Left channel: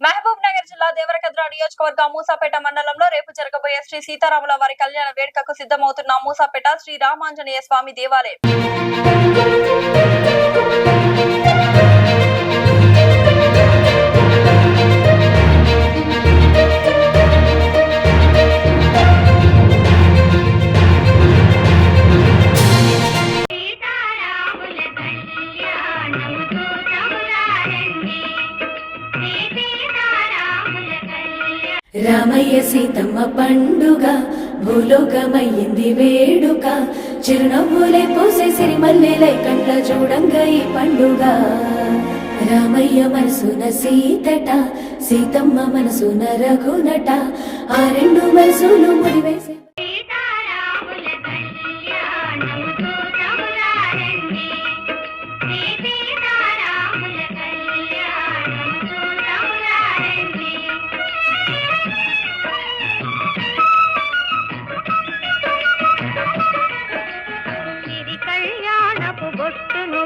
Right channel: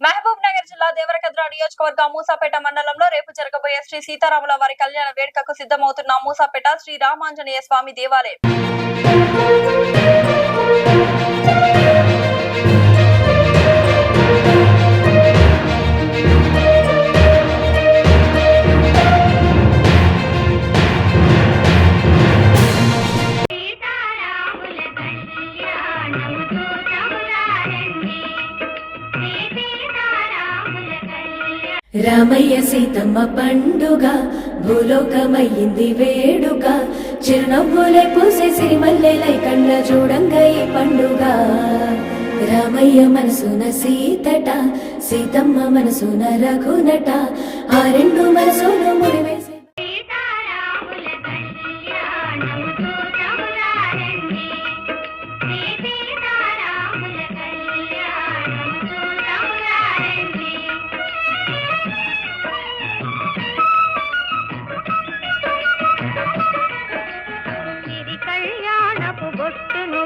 మహబూబ్ నగర్ జిల్లా దేవరకద్ర నియోజకవర్గం మూసాపేట మండలంలో రేపు జరగబోయే శ్రీ సీతారాముల వారి కళ్యాణ వేడుకకు సిద్ధమవుతున్న మూసాపేట శ్రీ రామాంజనేయ స్వామి దేవాలయం రామయ్య సీతమ్మ పండుగ భూలోకమయ్యింది వేడుక చిరునవ్వులే పూసే సిరిమల్లెలై కళ్ళ చూడంగా ఈ పండుగ రామయ్య మనసున సీతట సీతమ్మ మనసున రఘునట ఆ రెండు మనసులు ముడివేసి కళ్యాణపు బొట్టును